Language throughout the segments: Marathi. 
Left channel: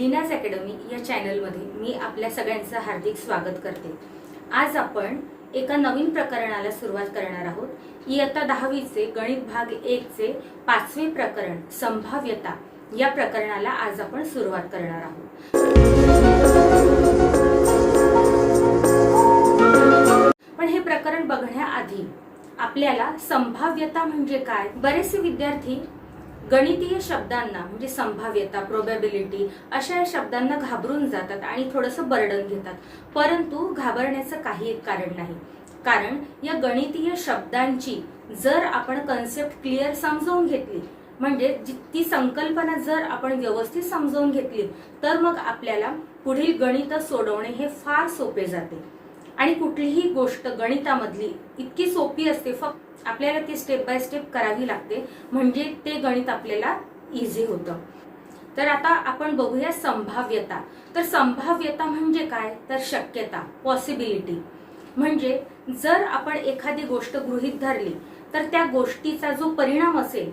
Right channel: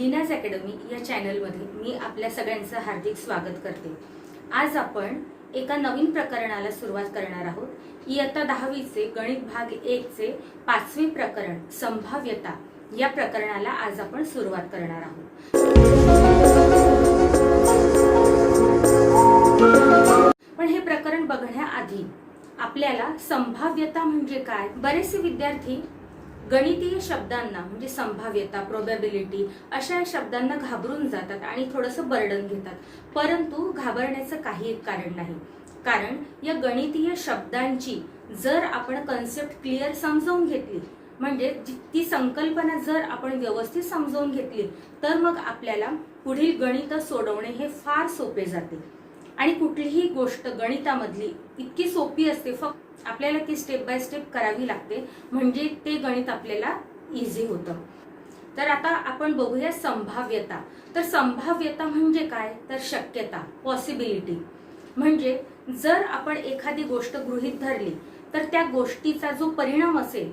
लीनाज अकॅडमी या चॅनलमध्ये मी आपल्या सगळ्यांचं हार्दिक स्वागत करते। आज आपण एका नवीन प्रकरणाला सुरुवात करणार आहोत। इयत्ता 10वीचे गणित भाग 1 चे 5वे प्रकरण संभाव्यता या प्रकरणाला आज आपण सुरुवात करणार आहोत। पण हे प्रकरण बघण्याआधी आपल्याला संभाव्यता म्हणजे काय, बरेचसे विद्यार्थी गणितीय शब्दांना म्हणजे संभाव्यता, प्रोबॅबिलिटी अशा या शब्दांना घाबरून जातात आणि थोडंसं बर्डन घेतात। परंतु घाबरण्याचं काही एक कारण नाही, कारण या गणितीय शब्दांची जर आपण कन्सेप्ट क्लिअर समजून घेतली, म्हणजे ती संकल्पना जर आपण व्यवस्थित समजून घेतली, तर मग आपल्याला पुढील गणित सोडवणे हे फार सोपे जाते। आणि कुठलीही गोष्ट गणितामधली इतकी सोपी असते, फक्त आपल्याला ती स्टेप बाय स्टेप करावी लागते, म्हणजे ते गणित आपल्याला इझी होतं। तर आता आपण बघूया संभाव्यता। तर संभाव्यता म्हणजे काय, तर शक्यता, पॉसिबिलिटी। म्हणजे जर आपण एखादी गोष्ट गृहीत धरली तर त्या गोष्टीचा जो परिणाम असेल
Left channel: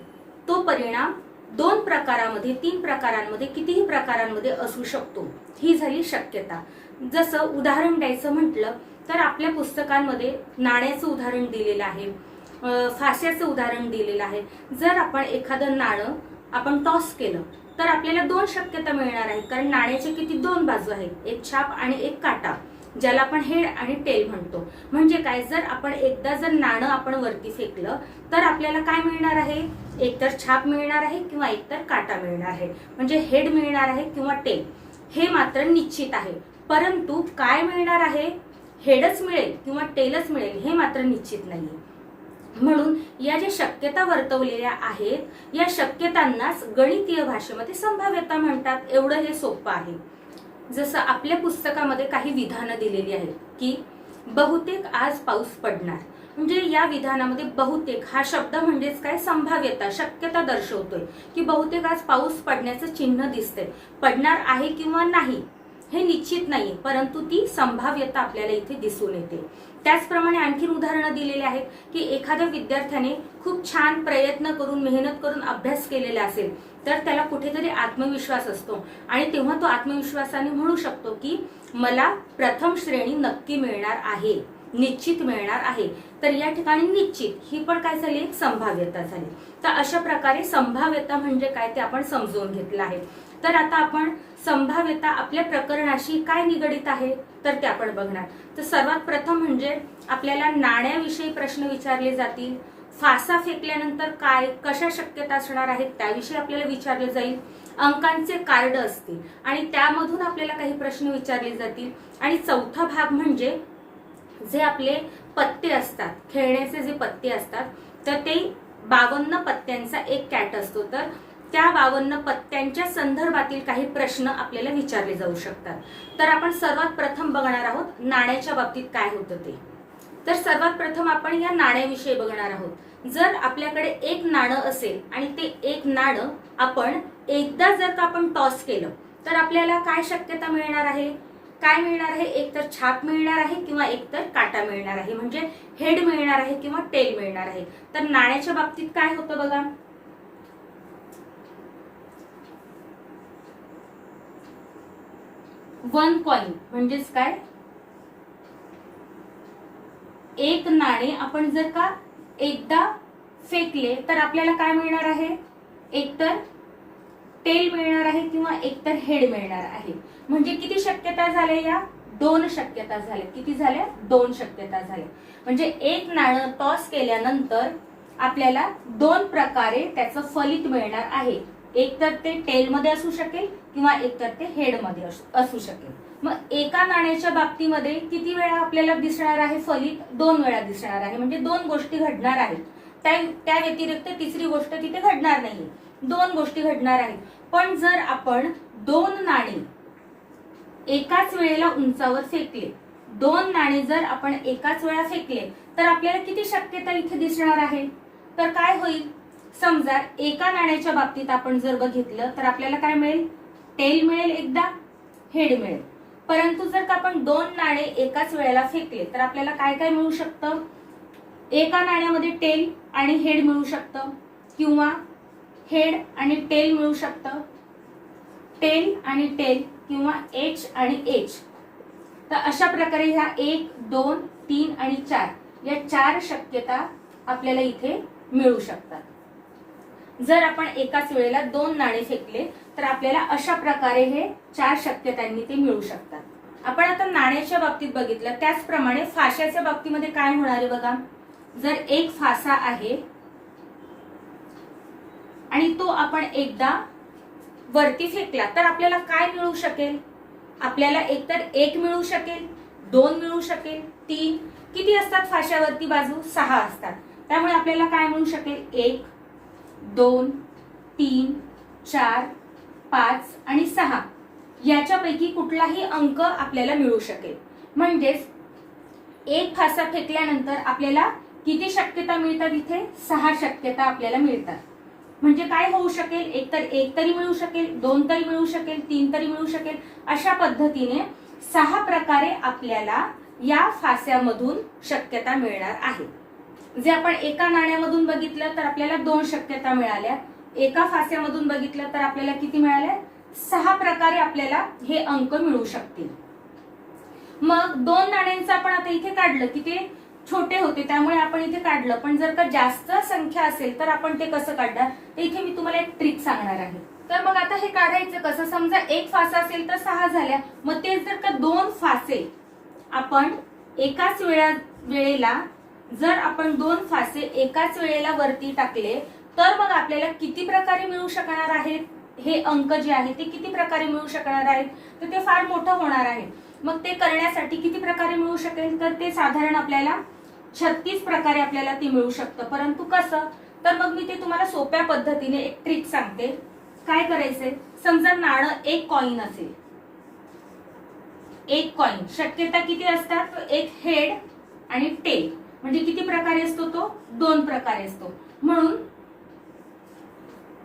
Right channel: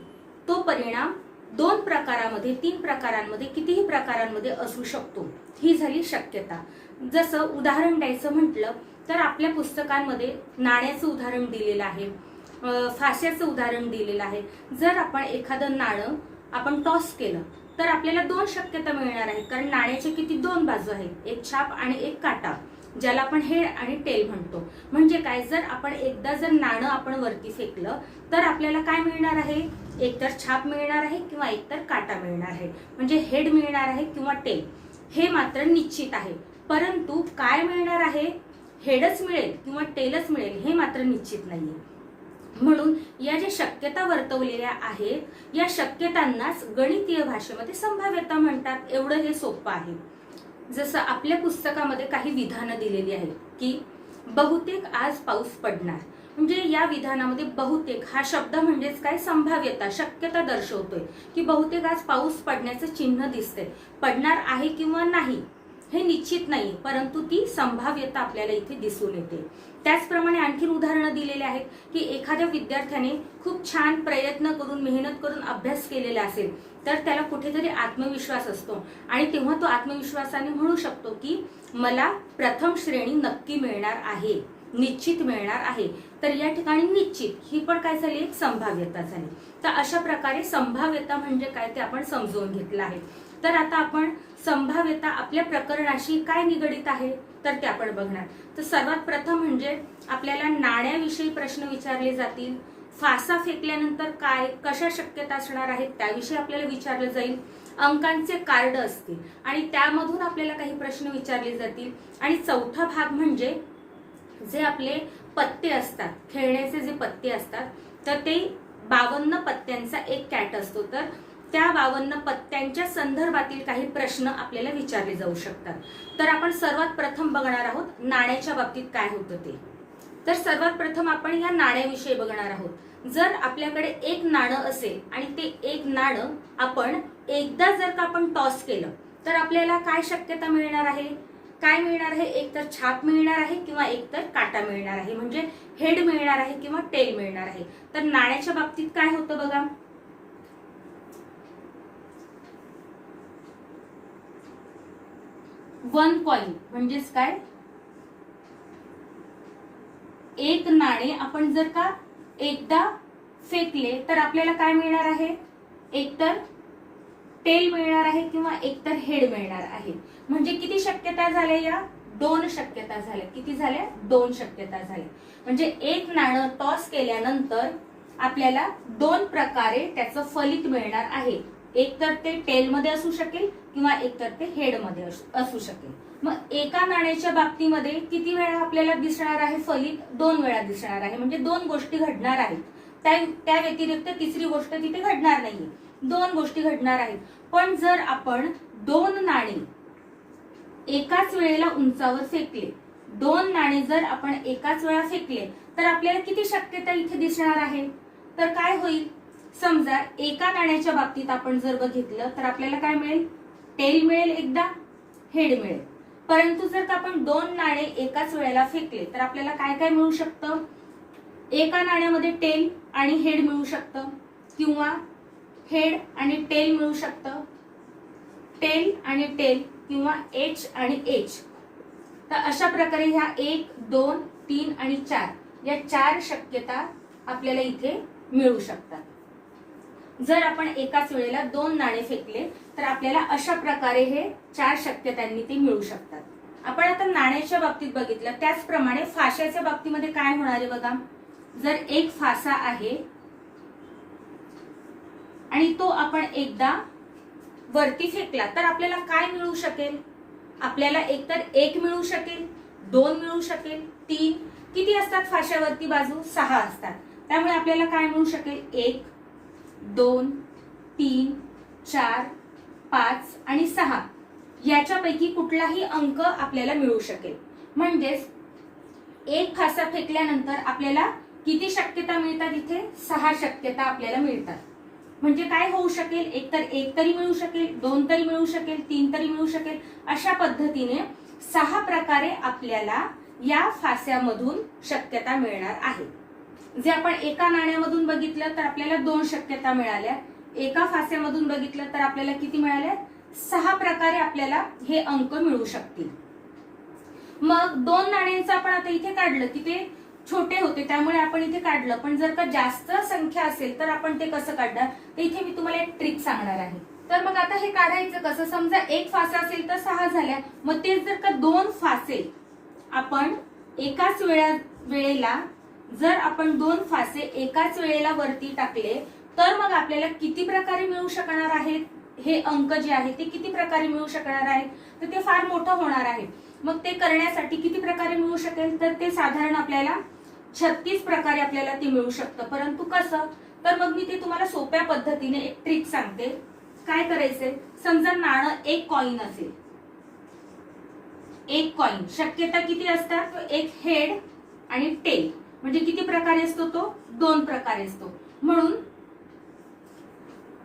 तो परिणाम 2 प्रकारांमध्ये, 3 प्रकारांमध्ये, कितीही प्रकारांमध्ये असू शकतो, ही झाली शक्यता। जसं उदाहरण द्यायचं म्हटलं तर आपल्या पुस्तकांमध्ये नाण्याचं उदाहरण दिलेलं आहे, फास्याचं उदाहरण दिलेलं आहे। जर आपण एखादं नाणं आपण टॉस केलं तर आपल्याला 2 शक्यता मिळणार आहेत, कारण नाण्याचे किती 2 बाजू आहेत, एक छाप आणि एक काटा, ज्याला आपण हेड आणि टेल म्हणतो। म्हणजे काय, जर आपण एकदा जर नाणं आपण वरती फेकलं तर आपल्याला काय मिळणार आहे, एकतर छाप मिळणार आहे किंवा एकतर काटा मिळणार आहे, म्हणजे हेड मिळणार आहे किंवा टेल, हे मात्र निश्चित आहे। परंतु काय मिळणार आहे, हेडच मिळेल किंवा टेलच मिळेल हे मात्र निश्चित नाहीये। म्हणून या ज्या शक्यता वर्तवलेल्या आहेत, या शक्यतांनाच गणितीय भाषेमध्ये संभाव्यता म्हणतात। एवढं हे सोपं आहे। जसं आपल्या पुस्तकामध्ये काही विधानं दिलेली आहेत की बहुतेक आज पाऊस पडणार, म्हणजे या विधानामध्ये बहुतेक हा शब्द म्हणजेच काय, संभाव्यता, शक्यता दर्शवतोय की बहुतेक आज पाऊस पडण्याचं चिन्ह दिसतंय। पडणार आहे किंवा नाही हे निश्चित नाही, परंतु ती संभाव्यता आपल्याला इथे दिसून येते। त्याचप्रमाणे आणखी उदाहरणं दिलेली आहेत की एखाद्या विद्यार्थ्याने खूप छान प्रयत्न करून, मेहनत करून अभ्यास केलेला असेल तर त्याला कुठेतरी आत्मविश्वास असतो आणि तेव्हा तो आत्मविश्वासाने म्हणू शकतो की मला प्रथम श्रेणी नक्की मिळणार आहे, निश्चित मिळणार आहे। तर या ठिकाणी निश्चित ही पण काय झाली, एक संभाव्यता झाली। तर अशा प्रकारे संभाव्यता म्हणजे काय ते आपण समजून घेतलं आहे। तर आता आपण संभाव्यता आपल्या प्रकरणाशी काय निगडित आहे तर ते आपण बघणार। तर सर्वात प्रथम म्हणजे आपल्याला नाण्याविषयी प्रश्न विचारले जातील, फासा फेकल्यानंतर काय, कशा शक्यता असणार आहेत त्याविषयी आपल्याला विचारलं जाईल, अंकांचे कार्ड असतील आणि त्यामधून आपल्याला काही प्रश्न विचारले जातील, आणि चौथा भाग म्हणजे जे आपले पत्ते असतात, खेळण्याचे जे पत्ते असतात, तर ते 52 पत्त्यांचा एक कॅट असतो, तर त्या 52 पत्त्यांच्या संदर्भातील काही प्रश्न आपल्याला विचारले जाऊ शकतात। तर आपण सर्वात प्रथम बघणार आहोत नाण्याच्या बाबतीत काय होतं ते। तर सर्वात प्रथम आपण या नाण्याविषयी बघणार आहोत। जर आपल्याकडे एक नाणं असेल आणि ते एक नाणं आपण एकदा जर का आपण टॉस केलं तर आपल्याला काय शक्यता मिळणार आहे, काय मिळणार आहे, एकतर छाप मिळणार आहे किंवा एकतर काटा मिळणार आहे, म्हणजे हेड मिळणार आहे किंवा टेल मिळणार आहे। तर नाण्याच्या बाबतीत काय होतं बघा, वन कॉइन म्हणजेच काय, एक नाणे आपण जर का एकदा फेकले तर आपल्याला काय मिळणार आहे, एकतर टेल मिळणार आहे किंवा एकतर हेड मिळणार आहे। म्हणजे किती शक्यता झाल्या, या 2 शक्यता झाल्या। किती झाल्या, 2 शक्यता झाल्या। म्हणजे एक नाणं टॉस केल्यानंतर आपल्याला 2 प्रकारे त्याचं फलित मिळणार आहे, एकतर ते टेल मध्ये असू शकेल किंवा एकतर ते हेड मध्ये असू शकेल। मग एका नाण्याच्या बाबतीमध्ये किती वेळा आपल्याला दिसणार आहे फलित, 2 वेळा दिसणार आहे, म्हणजे 2 गोष्टी घडणार आहेत। त्या व्यतिरिक्त तिसरी गोष्ट तिथे घडणार नाही, 2 गोष्टी घडणार आहेत। पण जर आपण 2 नाणे एकाच वेळेला उंचावर फेकले, 2 नाणे जर आपण एकाच वेळा फेकले तर आपल्याला किती शक्यता इथे दिसणार आहे, तर काय होईल, समजा एका नाण्याच्या बाबतीत आपण जर बघितलं तर आपल्याला काय मिळेल, टेल मिळेल एकदा, हेड मिळेल। परंतु जर का आपण 2 नाणे एकाच वेळेला फेकले तर आपल्याला काय काय मिळू शकतं, एका नाण्यामध्ये टेल आणि हेड मिळू शकतं किंवा हेड आणि टेल मिळू शकतं टेल आणि टेल किंवा एच आणि एच. तर अशा प्रकारे ह्या 1, 2, 3 आणि 4 या 4 शक्यता आपल्याला इथे मिळू शकतात. जर आपण एकाच वेळेला 2 नाणे फेकले तर आपल्याला अशा प्रकारे हे 4 शक्यतांनी ते मिळू शकतात. आपण आता नाण्याच्या बाबतीत बघितलं, त्याचप्रमाणे फाशाच्या बाबतीमध्ये काय होणार आहे बघा. जर एक फासा आहे आणि तो आपण एकदा वरती फेकला तर आपल्याला काय मिळू शकेल. आपल्याला एकतर 1 मिळू शकेल, 2 मिळू शकेल, 3. किती असतात फाशावरती बाजू? 6 असतात. त्यामुळे आपल्याला काय मिळू शकेल? 1, 2, 3, 4, 5 आणि 6 याच्यापैकी कुठलाही अंक आपल्याला मिळू शकेल. म्हणजेच एक फासा फेकल्यानंतर आपल्याला किती शक्यता मिळतात? इथे 6 शक्यता आपल्याला मिळतात. म्हणजे काय होऊ शकेल? एकतर 1 तरी मिळू शकेल, 2 तरी मिळू शकेल, 3 तरी मिळू शकेल. अशा पद्धतीने 6 प्रकारे आपल्याला या फास्यामधून शक्यता मिळणार आहे. जे आपण एका नाण्यामधून बघितलं तर आपल्याला 2 शक्यता मिळाल्या. एका फास्यामधून बघितलं तर आपल्याला किती मिळाल्या? 6 प्रकारे आपल्याला हे अंक मिळू शकतील. मग 2 नाण्यांचं आपण आता इथे काढलं की ते छोटे होते त्यामुळे आपण इथे काढलं. पण जर का जास्त संख्या असेल तर आपण ते कसं काढणार? तर इथे मी तुम्हाला एक ट्रिक सांगणार आहे. तर मग आता हे काढायचं कसं? समजा एक फासा असेल तर 6 झाल्या. मग तेच जर का 2 फासे आपण एकाच वेळेला जर आपण 2 फासे एकाच वेळेला वरती टाकले तर मग आपल्याला किती प्रकारे मिळू शकणार आहेत? हे अंक जे आहे ते किती प्रकारे मिळू शकणार आहेत? तर ते फार मोठं होणार आहे. मग ते करण्यासाठी किती प्रकारे मिळू शकेल? तर ते साधारण आपल्याला 36 प्रकारे आपल्याला ते मिळू शकतं. परंतु कसं? तर मग मी ते तुम्हाला सोप्या पद्धतीने एक ट्रिक सांगते. काय करायचंय? समजा नाणं एक कॉइन असेल, एक कॉइन शक्यता किती असतात? तो एक हेड आणि टेल. म्हणजे किती प्रकारे असतो तो? 2 प्रकारे असतो. म्हणून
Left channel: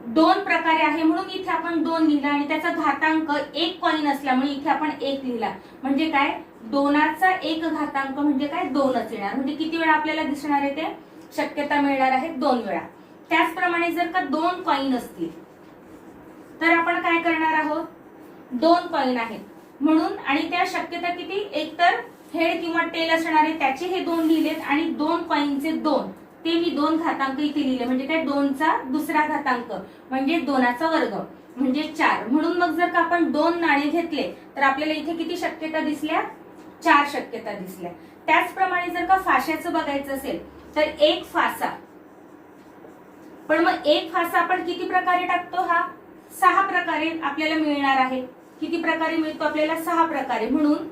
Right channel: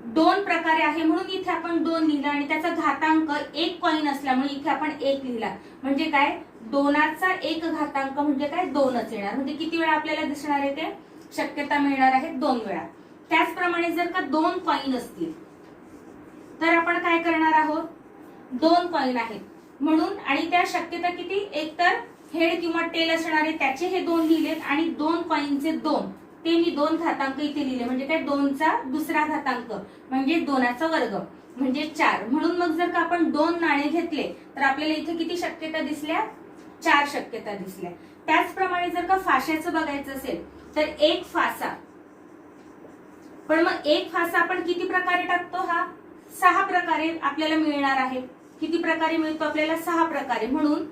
2 प्रकारे आहे म्हणून इथे आपण 2 लिहिला आणि त्याचा घातांक एक कॉइन असल्यामुळे इथे आपण 1 लिहिला. म्हणजे काय? 2चा 1 घातांक म्हणजे काय? 2च येणार. म्हणजे किती वेळा आपल्याला दिसणार आहे ते? शक्यता मिळणार आहे 2 वेळा. त्याचप्रमाणे जर का 2 कॉइन असतील तर आपण काय करणार आहोत? 2 कॉइन आहेत म्हणून आणि त्या शक्यता किती? एक तर हेड किंवा टेल असणार आहे त्याचे हे 2 लिहिलेत आणि 2 कॉइनचे 2 ते मी 2 घातांक इथे लिहिले. म्हणजे काय? 2चा दुसरा घातांक म्हणजे 2चा वर्ग म्हणजे 4. म्हणून मग जर का आपण 2 नाणे घेतले तर आपल्याला इथे किती शक्यता दिसल्या? 4 शक्यता दिसल्या. त्याचप्रमाणे जर का फाशाचं बघायचं असेल तर एक फासा, पण मग एक फासा आपण किती प्रकारे टाकतो? हा 6 प्रकारे आपल्याला मिळणार आहे. किती प्रकारे मिळतो आपल्याला? 6 प्रकारे. म्हणून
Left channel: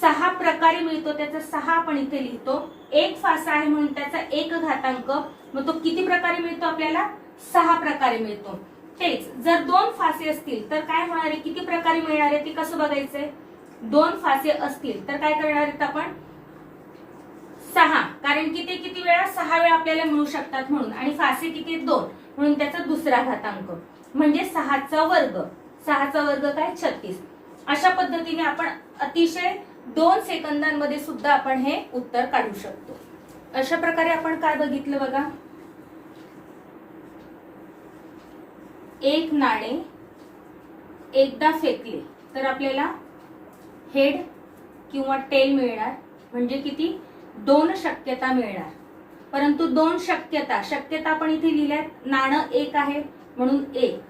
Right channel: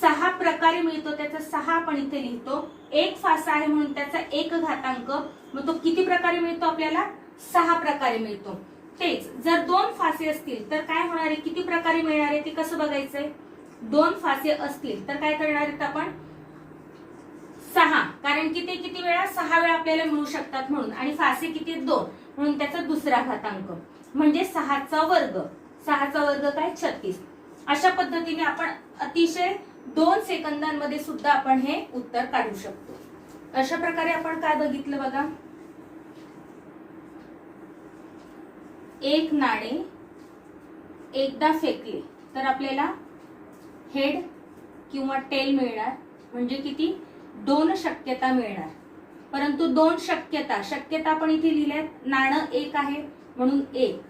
6 प्रकारे मिळतो. त्याचा 6 आपण इथे लिहितो. एक फासा आहे म्हणून त्याचा 1 घातांक. मग तो किती प्रकारे मिळतो आपल्याला? 6 प्रकारे मिळतो. तेच जर 2 फासे असतील तर काय होणार आहे? किती प्रकारे मिळणार आहे ते कसं बघायचंय? 2 फासे असतील तर काय करणार आहेत आपण? 6. कारण की ते किती वेळा? 6 वेळा आपल्याला मिळू शकतात म्हणून. आणि फासे किती? 2 म्हणून त्याचा दुसरा घातांक म्हणजे 6चा वर्ग. 6चा वर्ग काय? 36. अशा पद्धतीने आपण अतिशय 2 सेकंदांमध्ये सुद्धा आपण हे उत्तर काढू शकतो. अशा प्रकारे आपण काय बघितलं बघा. एक नाणे एकदा फेकले तर आपल्याला हेड किंवा टेल मिळणार. म्हणजे किती? 2 शक्यता मिळणार. परंतु 2 शक्यता आपण इथे लिहिल्यात. नाणं एक आहे म्हणून 1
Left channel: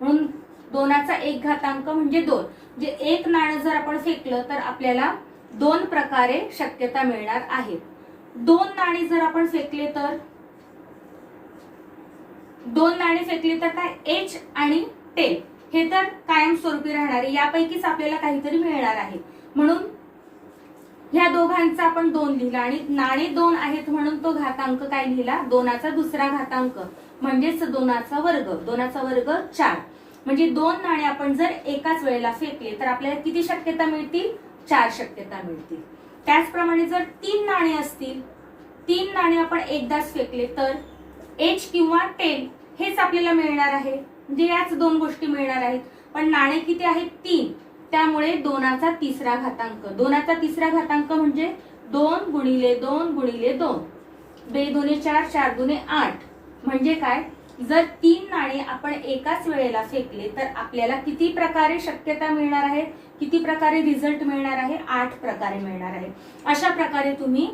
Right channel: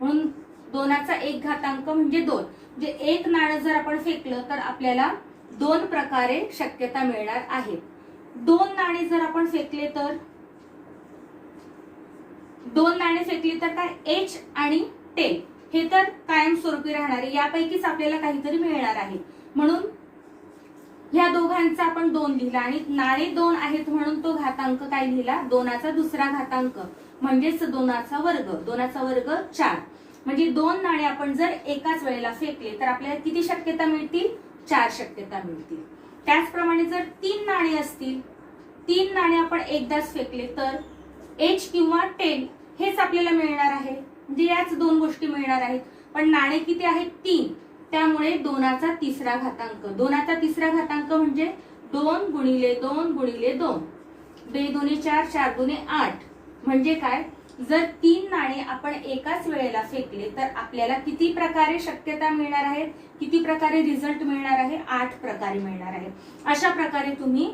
म्हणून 2चा 1 घातांक म्हणजे 2. म्हणजे एक नाणं जर आपण फेकलं तर आपल्याला 2 प्रकारे शक्यता मिळणार आहेत. 2 नाणी जर आपण फेकले तर 2 नाणी फेकली तर काय? एच आणि टेल हे तर कायमस्वरूपी राहणार आहे. यापैकीच आपल्याला काहीतरी मिळणार आहे. म्हणून ह्या दोघांचा आपण 2 लिहिला आणि नाणे 2 आहेत म्हणून तो घातांक काय लिहिला? 2चा दुसरा घातांक म्हणजेच 2चा वर्ग. 2चा वर्ग 4. म्हणजे 2 नाणे आपण जर एकाच वेळेला फेकले तर आपल्याला किती शक्यता मिळतील? 4 शक्यता मिळतील. त्याचप्रमाणे जर 3 नाणे असतील, 3 नाणे आपण एकदाच फेकले तर एच किंवा टेल हेच आपल्याला मिळणार आहे. म्हणजे याच 2 गोष्टी मिळणार आहेत. पण नाणे किती आहेत? 3. त्यामुळे 2चा तिसरा घातांक. 2चा तिसरा घातांक म्हणजे 2 गुणिले 2 गुणिले 2. 2 दुणे 4, 4 दुणे 8. म्हणजे काय? जर 3 नाणे आपण एकाच वेळेला फेकले तर आपल्याला किती प्रकारे शक्यता मिळणार आहे, किती प्रकारे रिझल्ट मिळणार आहे, 8 प्रकारे मिळणार आहे. अशा प्रकारे तुम्ही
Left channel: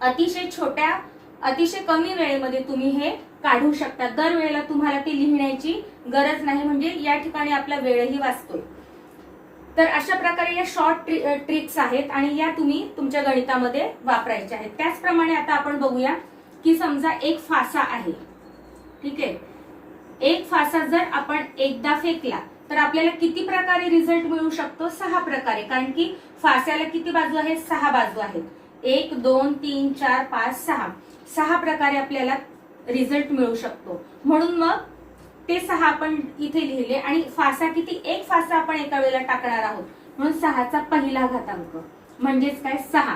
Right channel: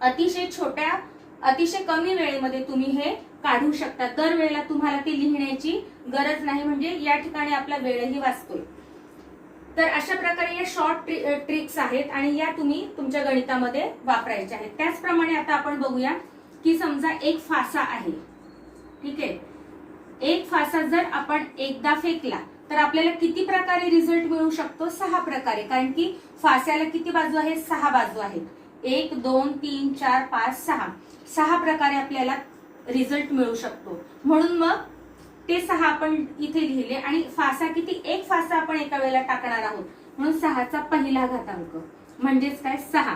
अतिशय कमी वेळेमध्ये तुम्ही हे काढू शकता. दर वेळेला तुम्हाला ते लिहिण्याची गरज नाही, म्हणजे या ठिकाणी आपला वेळही वाचतोय. तर अशा प्रकारे या शॉर्ट ट्रिक्स आहेत आणि या तुम्ही तुमच्या गणितामध्ये वापरायच्या आहेत. त्याचप्रमाणे आता आपण बघूया की समजा एक फासा आहे, ठीक आहे. एक फासा जर आपण एकदा फेकला तर आपल्याला किती प्रकारे रिझल्ट मिळू शकतो, 6 प्रकारे. कारण की फास्याला किती बाजू आहेत, 6 बाजू आहेत. 1 2 3 4 5 6 प्रकारे आपल्याला रिझल्ट मिळू शकतो. म्हणून मग ते 6 आपण इथे लिहिले आणि फासा किती, एक फासा आपण एका वेळेला टाकणार आहोत म्हणून 6चा पहिला घातांक म्हणजेच काय 6.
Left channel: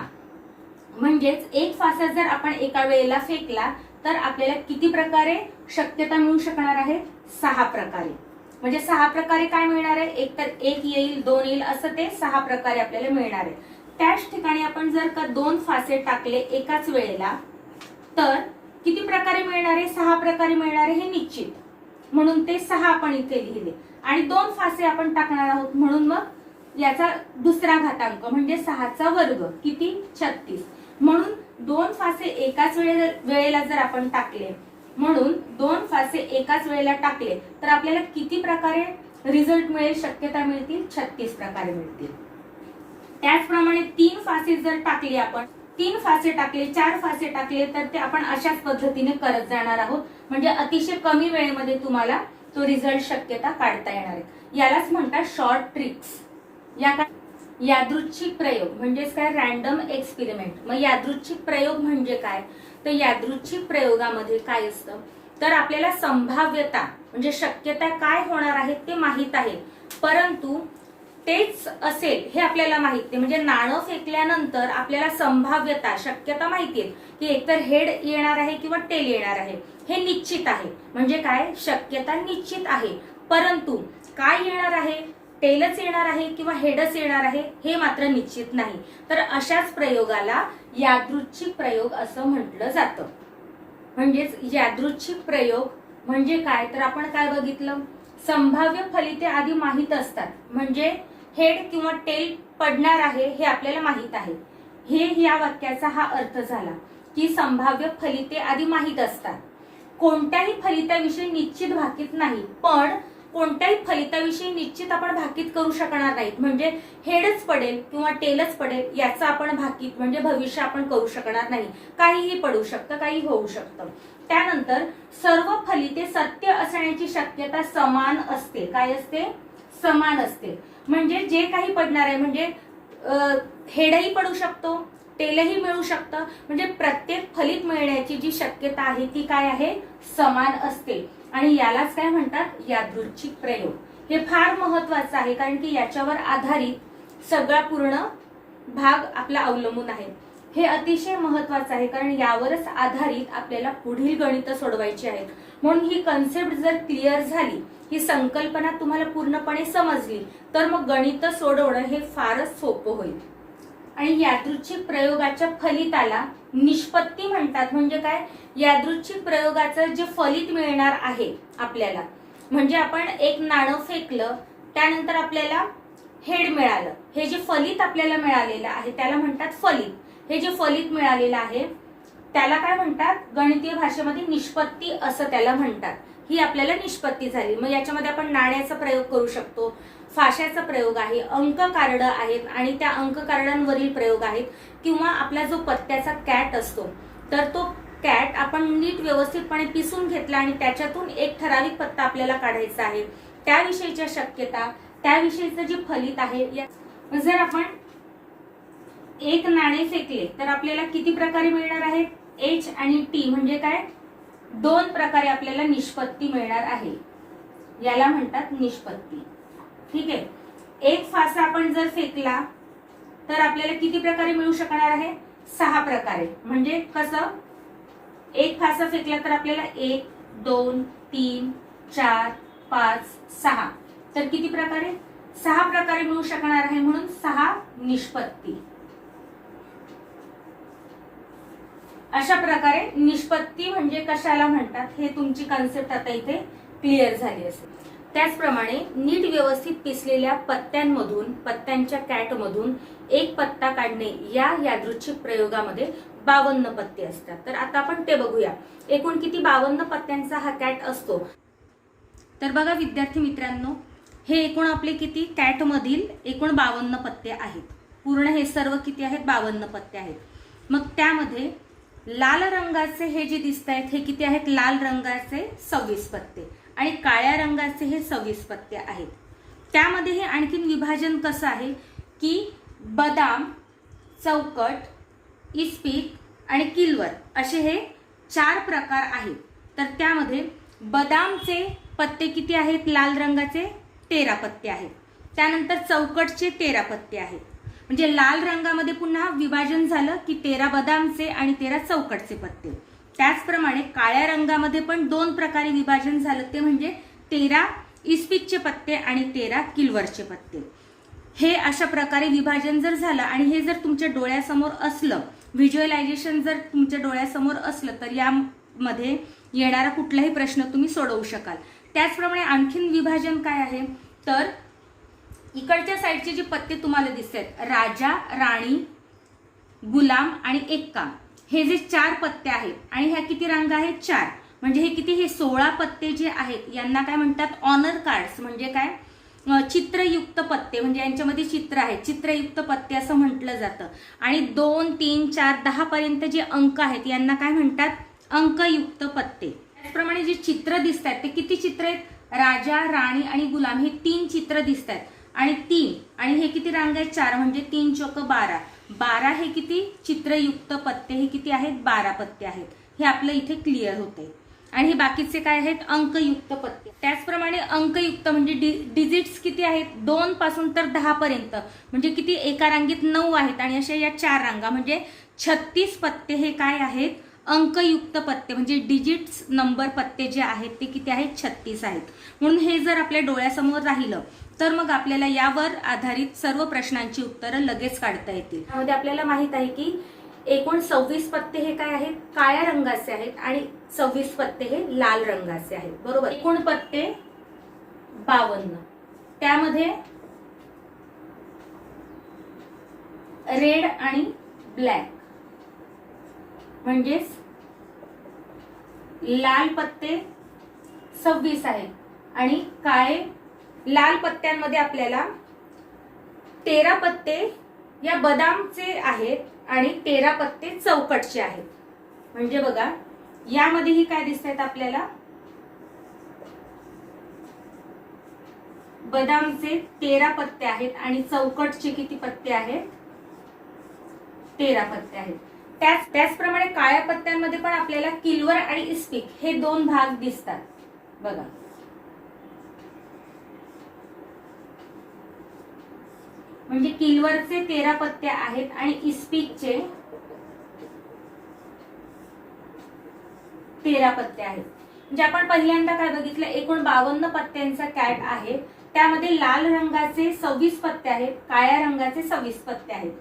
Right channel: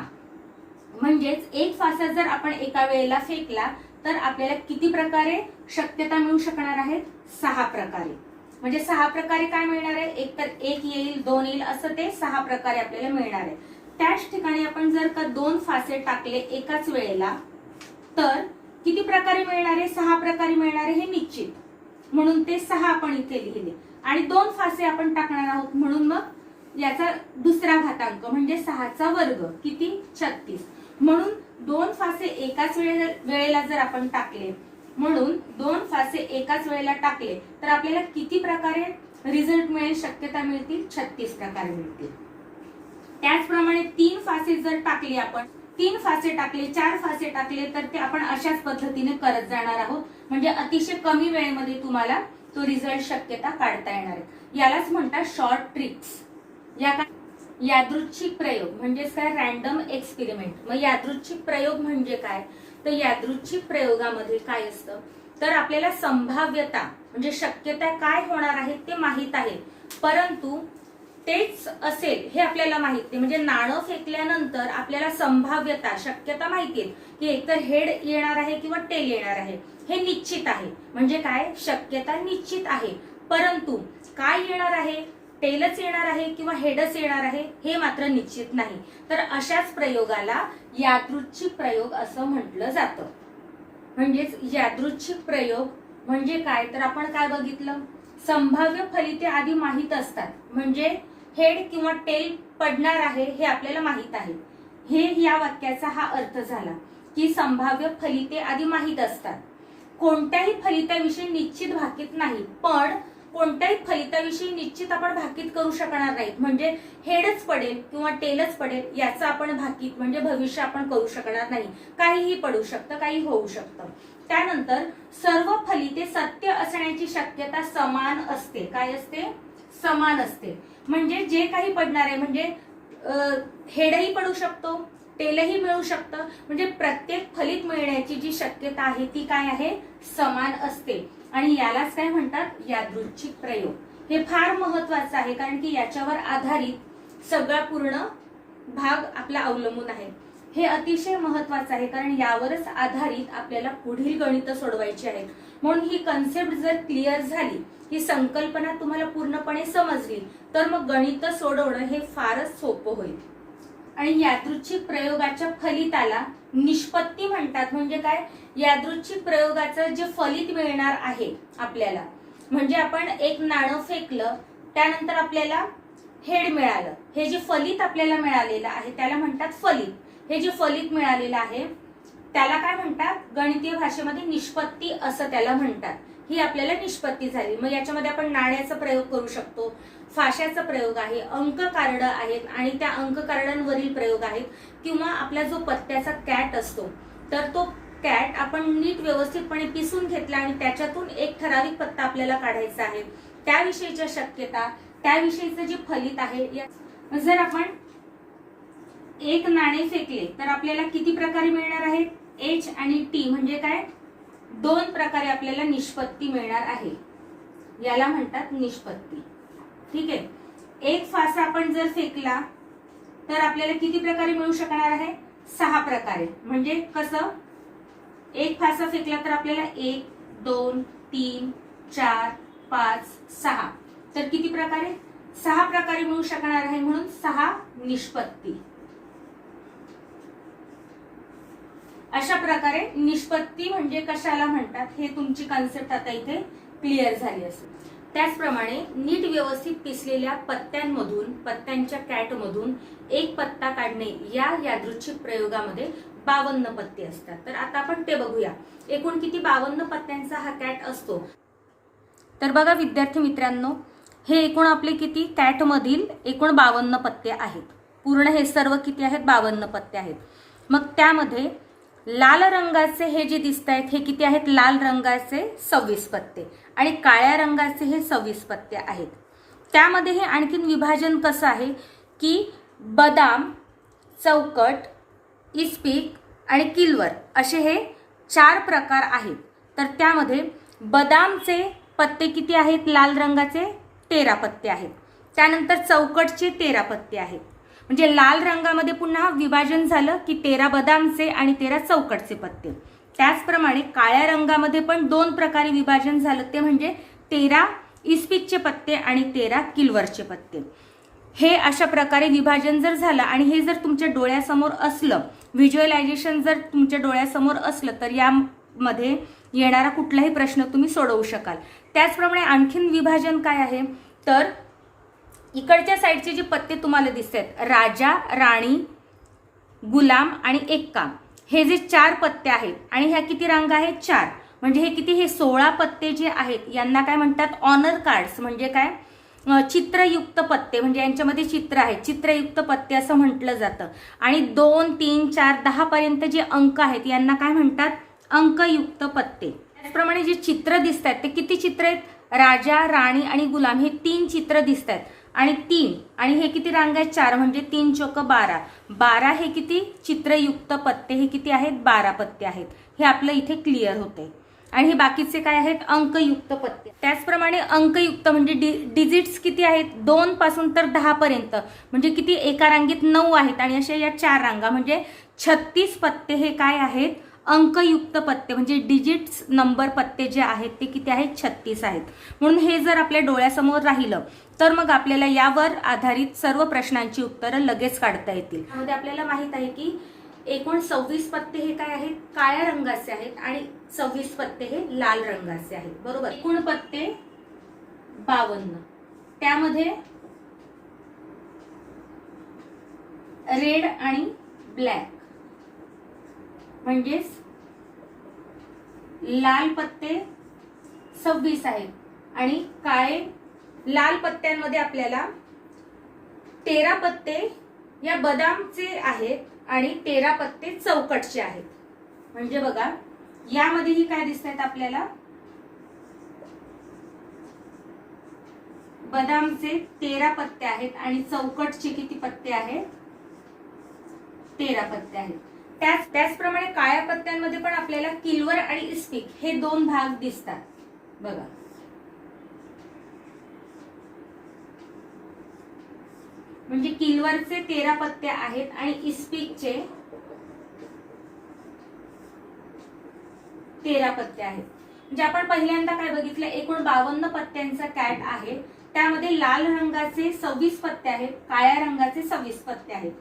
म्हणजेच एक फासा जर आपण एका वेळेला फेकला तर आपल्याला किती प्रकारे शक्यता मिळू शकणार आहे, 6 प्रकारे. म्हणजे 6 प्रकारे काय मिळणार आहे, एक तर 1 येईल 2 येईल असं ते 6 प्रकारे आपल्याला मिळणार आहे. त्याच ठिकाणी आपण जर का 2 फासे टाकले एकाच वेळेला तर किती प्रकारे मिळणार आहे, 6 प्रकारे मिळणार आहे हे निश्चित. म्हणून ते 6 आपण इथे लिहिले आणि 2 फासे आपण टाकणार आहोत म्हणून मग याचा दुसरा घातांक म्हणजे 6चा वर्ग किती, 36. म्हणून 2 फासे एकाच वेळेला जर आपण टाकले, म्हणून 2 फासे एकाच वेळेला टाकले तर आपल्याला किती प्रकारे रिझल्ट मिळेल, शक्यता मिळतील, 36 प्रकारे मिळतील. त्याचप्रमाणे 3 फासे जर टाकले आपण, 3 फासे टाकले, 4 फासे टाकले तर ते आपण अशाच पद्धतीने करत जाणार आहोत. म्हणजे अतिशय कमी वेळेमध्ये तुम्हाला तो रिझल्ट शक्यता काढता येणार आहे. यालाच म्हणतात शॉर्ट ट्रिक्स. यादृच्छिक प्रयोग म्हणजेच काय, रॅन्डम एक्सपेरिमेंट. मग यादृच्छिक प्रयोग म्हणजे काय, तर यादृच्छिक प्रयोगामध्ये काय असतं तर आपल्याला संभाव्यता म्हणजे शक्यता काय होणार आहे ते माहित आहे, परंतु तेच असेल हे आपल्याला माहित नाही. म्हणजे नाणं फेकल्यानंतर आपल्याला संभाव्यता शक्यता माहिती आहे की एकतर हेड येणार आहे किंवा टेल येणार आहे, हे निश्चित आहे. म्हणजे काय, शक्यता निश्चित आहे, परंतु काय येणार आहे, टेलच येणार आहे किंवा हेडच येणार आहे हे मात्र निश्चित नाही. तर अशाच प्रयोगाला यादृच्छिक प्रयोग असं म्हटलं जातं. म्हणजेच यादृच्छिक प्रयोग म्हणजे काय, तर आपण काय बघितलं, संभाव्य फलिते आधी माहित असतात. म्हणजे हेड किंवा टेल पडणार आहे हे आपल्याला माहित आहे. हे या वाक्याचा हा अर्थ झाला की संभाव्य फलिते आधी माहित असतात. कोणत्याही फलिताविषयी निश्चित भाकीत नाही, पण कोणत्याही फलिताविषयी निश्चित आपण भाकीत करू शकणार नाहीत. म्हणजे हेडच पडेल किंवा टेलच पडेल याचं आपण भाकीत म्हणजे भविष्य आपण करू शकणार नाही. काहीही पडू शकतं, काही होऊ शकतं. त्यानंतर सर्व फलिते सत्य असण्याची शक्यता समान असते. काय असते, समान असते. म्हणजे जे काही पडणार आहे, म्हणजे हेडही पडू शकतो, टेलही मिळू शकतं. म्हणजे प्रत्येक फलित मिळण्याची जी शक्यता आहे ती काय आहे, समान असते. आणि यालाच काय म्हणतात, यादृच्छिक प्रयोग. हे फार महत्वाचं आहे कारण की याच्यावर आधारित सगळा पूर्ण भाग आपला अवलंबून आहे. हे अतिशय महत्वाचं आहे कारण यावरच आधारित आपल्याला पुढील गणित सोडवायची आहेत. म्हणून ही कन्सेप्ट जर क्लिअर झाली, ही संकल्पना तुम्हाला पूर्णपणे समजली तर मग गणित सोडवणं हे फारच सोपं होईल. आणि यादृच्छिक प्रयोगाच्या फलिताला निष्पत्ती म्हणतात. म्हणजे काय, यादृच्छिक प्रयोगाचं जे फलित मिळणार आहे आपल्याला, म्हणजे आपण एक नाणं फेकलं त्यानंतर आपल्याला हेड मिळालं, हे जे फलित आपल्याला मिळालेलं आहे त्याला म्हणतात फलित. हे जे फलित मिळालेलं आहे त्याला काय म्हणतात, गणितीय भाषेमध्ये निष्पत्ती असं त्याला म्हणतात. ही आपल्याला निष्पत्ती झाली. मग याच्यामध्ये आपण नाण्याचा प्रयोग करू शकतो, फाशाचा प्रयोग आहे, अंक कार्ड आहेत आणि त्या अंक कार्डांवरील प्रयोग आहेत, किंवा आपला जो पत्त्याचा कॅट असतो तर तो कॅट आपण नीट व्यवस्थितपणे पिसून घेतला आणि त्याच्यातून एक ठराविक पत्ता आपल्याला काढायचा आहे, त्याविषयीच्या शक्यता, त्याविषयीचं जे फलित आहे. जर आपण एक नाणे फेकले तर आपल्याला किती प्रकारे मिळणार आहेत, एच आणि टी म्हणजे काय, 2 प्रकारे आपल्याला निष्पत्ती मिळणार आहे. याला म्हणतात निष्पत्ती. ठीक आहे. एक फासा आपण जर फेकला तर आपल्याला किती प्रकारे मिळू शकणार आहे, 6 प्रकारे. म्हणजे कसं, एक फासा फेकला तर आपल्याला 1 2 3 4 5 6 तर किती प्रकारे, 6 प्रकारे मिळू शकणार आहे. म्हणून 6 निष्पत्ती. अशा प्रकारे निष्पत्ती म्हणजे कशाला म्हणतात हे तुमची कन्सेप्ट आता इथे क्लिअर झाली असेल. त्याचप्रमाणे नीट व्यवस्थित पिसलेल्या पत्त्यांमधून, पत्त्यांच्या कॅटमधून एक पत्ता काढणे या यादृच्छिक प्रयोगामध्ये 52 पत्ते असतात. तर आता आपण ते बघूया. एकूण किती 52 पत्त्यांचा हा कॅट असतो. तर बघा विद्यार्थी मित्रांनो, हे एकूण आपले किती कॅट मधील एकूण 52 पत्ते आहेत. पूर्ण हे सर्व किती आहेत? 52 पत्ते आहेत. मग त्यामध्ये लाल रंगाचे हे जे दिसत आहेत हे किती आहेत? लाल रंगाचे 26 पत्ते आणि काळ्या रंगाचे हे 26 पत्ते आहेत. त्यामध्ये हे आणखीन विभाजन कसं आहे की बदाम, चौकट, इस्पिक आणि किलवर असे हे 4 प्रकार आहेत. तर त्यामध्ये बदामचे पत्ते किती आहेत? लाल रंगाचे 13 पत्ते आहेत. त्यानंतर चौकटचे 13 पत्ते आहेत. म्हणजे लाल रंगामध्ये पुन्हा विभाजन झालं की 13 बदामचे आणि 13 चौकटचे पत्ते. त्याचप्रमाणे काळ्या रंगामध्ये पण 2 प्रकारे विभाजन झालं, ते म्हणजे 13 इस्पिकचे पत्ते आणि 13 किलवरचे पत्ते. हे अशा प्रकारे विभाजन जर झालं आणि हे जर तुमच्या डोळ्यासमोर असलं, व्हिज्युअलायझेशन जर तुमच्या डोळ्यासमोर असलं, तर यामध्ये येणारा कुठलाही प्रश्न तुम्ही सोडवू शकाल. त्याचप्रमाणे आणखीन विभाजन काय आहे तर इकडच्या साईडचे जे पत्ते तुम्हाला दिसतात, राजा, राणी, गुलाम आणि एक्का, हे जे 4 पत्ते आहेत आणि ह्या किती रांगा आहेत? 4. म्हणजे हे किती? हे 16 पत्ते जे आहेत यांना काय म्हणतात? Honour cards. म्हणजे काय? चित्रयुक्त पत्ते. म्हणजे यांच्यामध्ये चित्र आहे, चित्रयुक्त पत्ते असं म्हटलं जातं. आणि 2, 3, 4, 10 पर्यंत जे अंक आहेत यांना काय म्हणतात? अंकयुक्त पत्ते. त्याचप्रमाणे जे चित्र दिसत आहेत ते किती चित्र आहेत? राजा, राणी आणि गुलाम हे 3 चित्र दिसत आहेत. आणि 3 आणि हे किती रांग आहेत? 4. म्हणजे 3 चौक 12. 12 हे किती? चित्रयुक्त पत्ते हे किती आहेत? 12 पत्ते आहेत. हे आपलं इथे क्लिअर होते. आणि हे बाकीचे काय आहेत? अंकयुक्त पत्ते. त्याचप्रमाणे अंकयुक्त म्हणजे डिजिट्स किती आहेत? 2 पासून तर 10 पर्यंत. म्हणजे किती? एका रांगेत 9 आहेत आणि अशा या 4 रांगा म्हणजे 36 पत्ते हे काय आहेत? अंकयुक्त पत्ते. म्हणजे डिजिट्स नंबर पत्ते जे आहेत ते किती आहेत? 36 आहेत. म्हणून हे जर आपल्या डोळ्यासमोर राहिलं तर मग आपल्याला यावर आधारित सर्व प्रश्नांची उत्तरं लगेच काढता येतील. त्यामध्ये आपल्याला माहित आहे की एकूण 26 पत्ते हे काय आहेत? काळ्या रंगाचे आहेत आणि 26 पत्ते हे लाल रंगाचे आहेत. बरोबर. एकूण पत्ते 52. त्यामध्ये रेड आणि ब्लॅक म्हणजेच लाल पत्ते 26 आहेत आणि काळे लाल पत्त्यांमध्ये आपल्याला 13 पत्ते या बदामचे आहेत आणि 13 पत्ते चौकटचे आहेत. म्हणजे बघा यामध्येही काय दिसत आहेत आपल्याला? बदामचे 13 पत्ते आहेत आणि चौकटचे किती पत्ते आहेत? 13 पत्ते आहेत. त्याचप्रमाणे काळ्या पत्त्यांमध्ये पण आपल्याला किलवर आणि इस्पिक हे 2 भाग दिसतात. बघा म्हणजे किलवरचे 13 पत्ते आहेत आणि इस्पिकचे 13 पत्ते आहेत. म्हणजे आपण पहिल्यांदा काय बघितलं? एकूण 52 पत्त्यांचा कॅट आहे. त्यामध्ये लाल रंगाचे 26 पत्ते आहेत, काळ्या रंगाचे 26 पत्ते आहेत.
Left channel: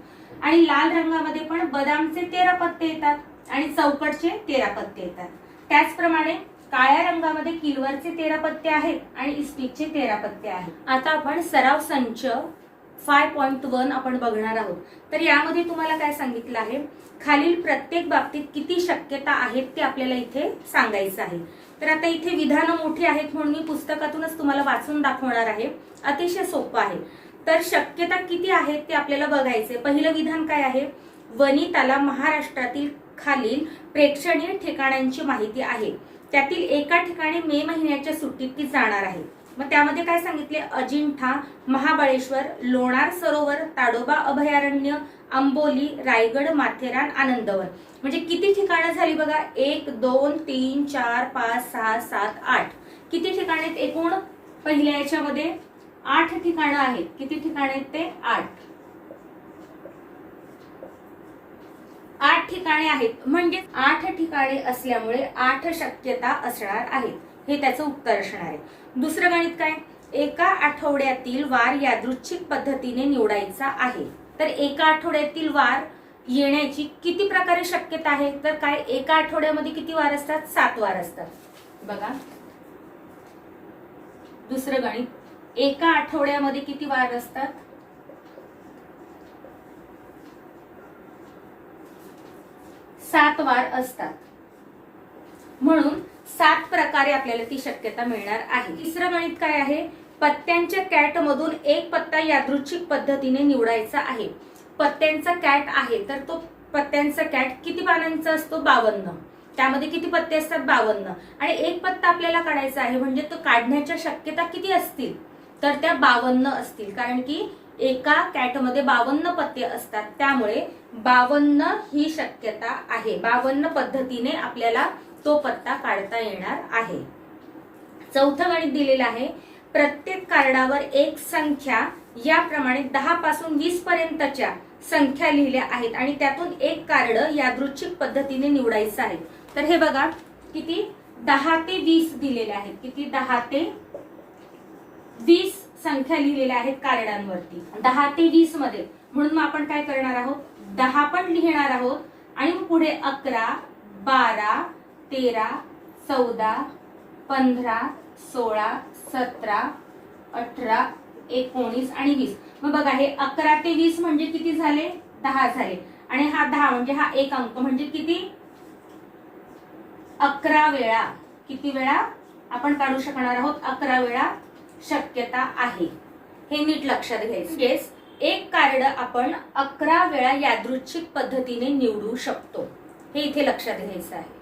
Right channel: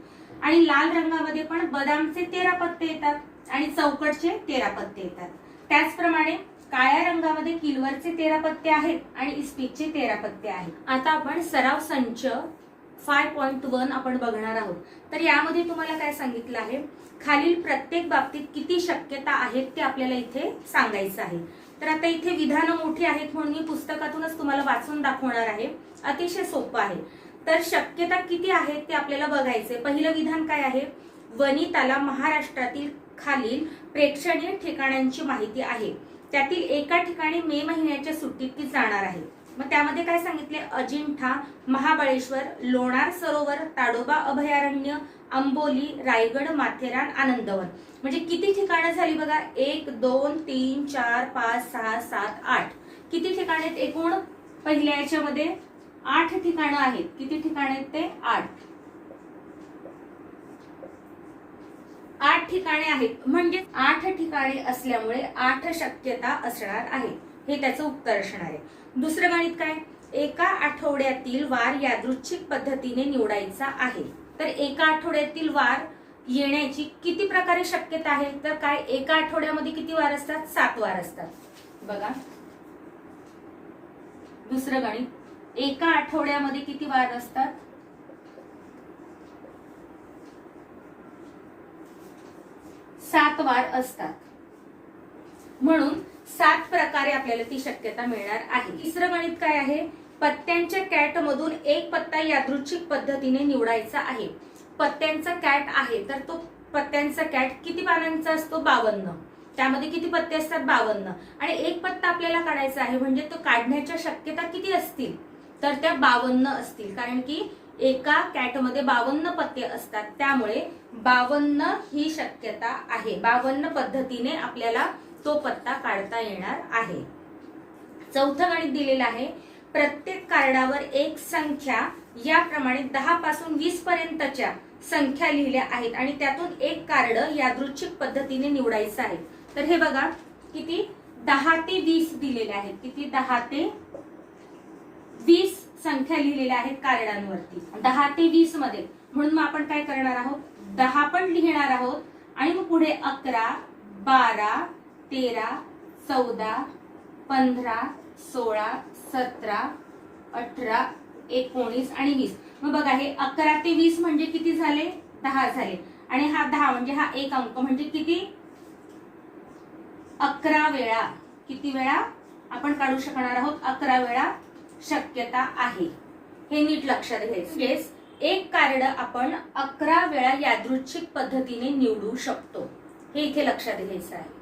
आणि लाल रंगामध्ये पण बदामचे 13 पत्ते येतात आणि चौकटचे 13 पत्ते येतात. त्याचप्रमाणे काळ्या रंगामध्ये किलवरचे 13 पत्ते आहेत आणि इस्पिकचे 13 पत्ते आहेत. आता आपण सराव संच 5.1 आपण बघणार आहोत. तर यामध्ये तुम्हाला काय सांगितलं आहे? खालील प्रत्येक बाबतीत किती शक्यता आहेत ते आपल्याला इथे सांगायचं आहे. तर आता इथे विधानं मोठी आहेत म्हणून मी पुस्तकातूनच तुम्हाला वाचून दाखवणार आहे. अतिशय सोपं आहे. तर शक्यता किती आहेत ते आपल्याला बघायचे. पहिलं विधान काय आहे? वनिताला महाराष्ट्रातील खालील प्रेक्षणीय ठिकाणांची माहिती आहे. त्यातील एका ठिकाणी मे महिन्याच्या सुट्टीत ती जाणार आहे. मग त्यामध्ये काय सांगितले? अजिंठा, महाबळेश्वर, लोणार सरोवर, ताडोबा अभयारण्य, आंबोली, रायगड, माथेरान, आनंदवन. म्हणजे किती ठिकाणं झाली बघा? 1, 2, 3, 4, 5, 6, 7, 8. किती ठिकाणे आहेत एकूण? पहिल्या याच्यामध्ये 8 ठिकाणं आहेत. किती ठिकाणे आहेत ते? 8. 8 ठिकाणे आहेत. म्हणजे 8 ठिकाणे असल्यामुळे 8 शक्यता असणार आहेत. हे त्याचं उत्तर असणार आहे. दुसरं गणित काय? एका आठवड्यातील वार यादृच्छिक पद्धतीने निवडायचा आहे. तर एका आठवड्यातील वार येण्याची किती प्रकारे शक्यता आहे? तर काय, एका आठवड्यामध्ये किती वार असतात? 7 वार असतात. बघा दुसरं गणित, एका आठवड्यामध्ये किती वार असतात? 7 वार असतात. म्हणून 7 प्रकारे आपल्याला ती शक्यता मिळणार आहे. तिसरं गणित काय आहे? पत्त्यांच्या कॅट मधून एक पत्ता यादृच्छिक पद्धतीने निवडायचा आहे. पत्त्यांचा कॅट आहे तर तो पत्त्यांचा कॅट किती पानांचा असतो? 52. त्यामध्ये किती पत्ते असतात? 52. आणि एक पत्ता आपल्याला काढायचा आहे म्हणजे तो काढण्याच्या शक्यता किती असतील? तर त्या 52 असतील, कारण की एका कॅटमध्ये 52 पत्ते असतात. त्यामुळे 52 ही शक्यता आहे. 52 पद्धतीने आपल्याला तो पत्ता काढता येणार आहे. चौथं गणित दिलेलं आहे, प्रत्येक कार्डावर एक संख्या याप्रमाणे 10 पासून 20 पर्यंतच्या संख्या लिहिल्या आहेत आणि त्यातून एक कार्ड यादृच्छिक पद्धतीने निवडायचं आहे. तर हे बघा किती 10 ते 20 दिलेले आहेत. किती? 10 ते 20 संख्या लिहिलेल्या आहेत कार्डांवरती, 10 ते 20 मध्ये. म्हणून मग आपण काय करणार आहोत? 10 पण लिहिणार आहोत आणि मग पुढे 11, 12, 13, 14, 15, 16, 17, 18, 19 आणि 20. मग बघा हे 11 ते 20 म्हणजे किती झाले? 10 झाले. आणि हा 10 म्हणजे हा एक अंक म्हणजे किती? 11 वेळा. किती वेळा आपण काढू शकणार आहोत? 11 वेळा शक्यता आहे. हे नीट लक्षात घ्यायचं. म्हणजेच एक कार्ड आपण 11 वेळा यादृच्छिक पद्धतीने निवडू शकतो. हे इथे लक्षात घ्यायचं आहे.